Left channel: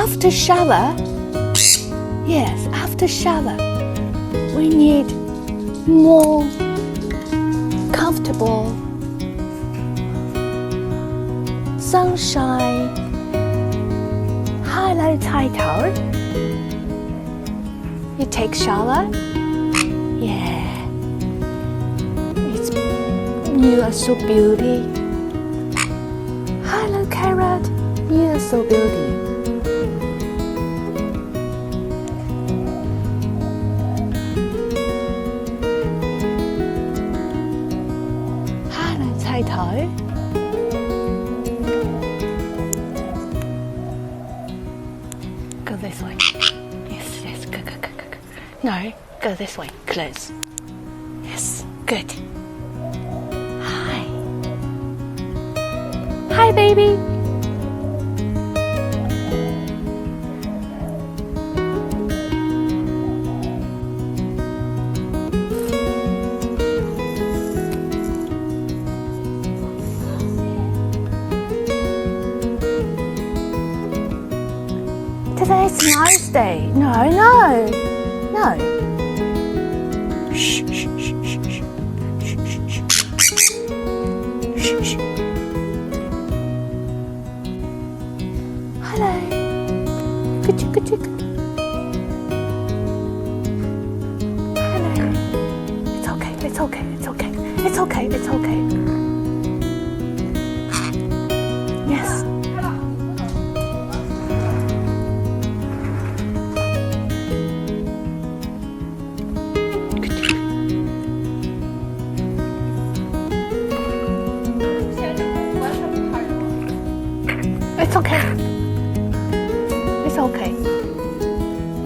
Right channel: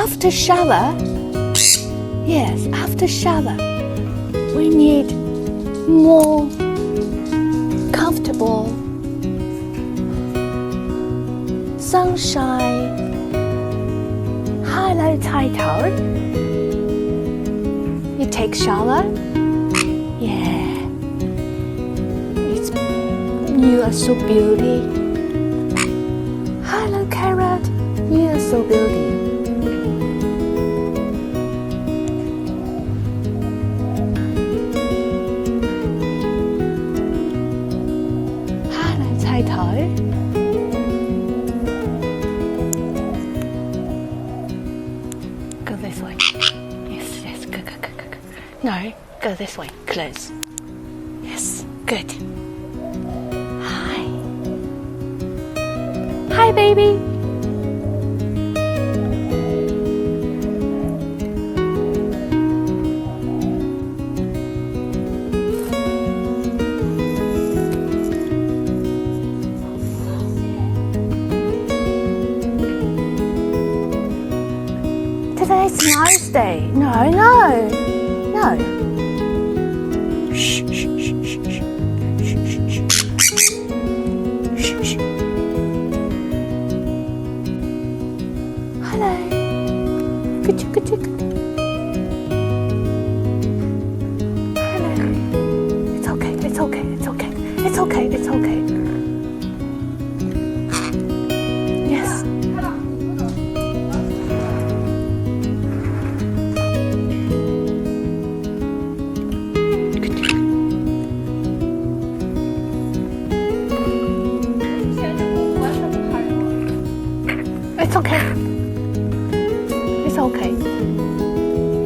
after shower, yes, after shower, we need more comfortable sunshine. Hello, 菜头. You take shower? Yeah. You are so beauty. Hello, Carrot. You are so beauty. Hello, 菜頭. Go this way. Yes, yes, go. No, go this way, close. Yes, good. Hi. Hi, baby. Today's a nice day. No. Shh. Hello. Good. Hello. It's okay. Yes.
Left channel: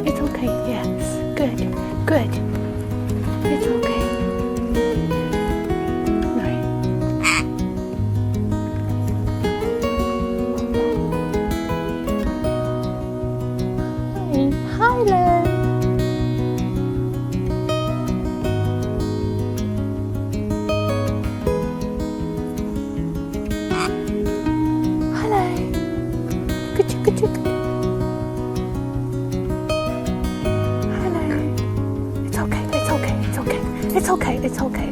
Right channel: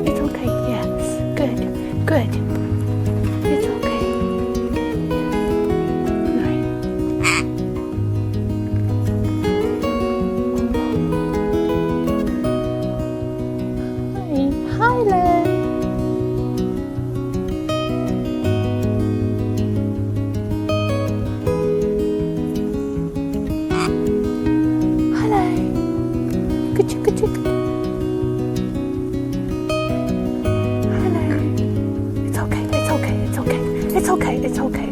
It's okay. Yes. Good. It's okay. No. Hi, Len. Hello. Good. Hello. It's okay.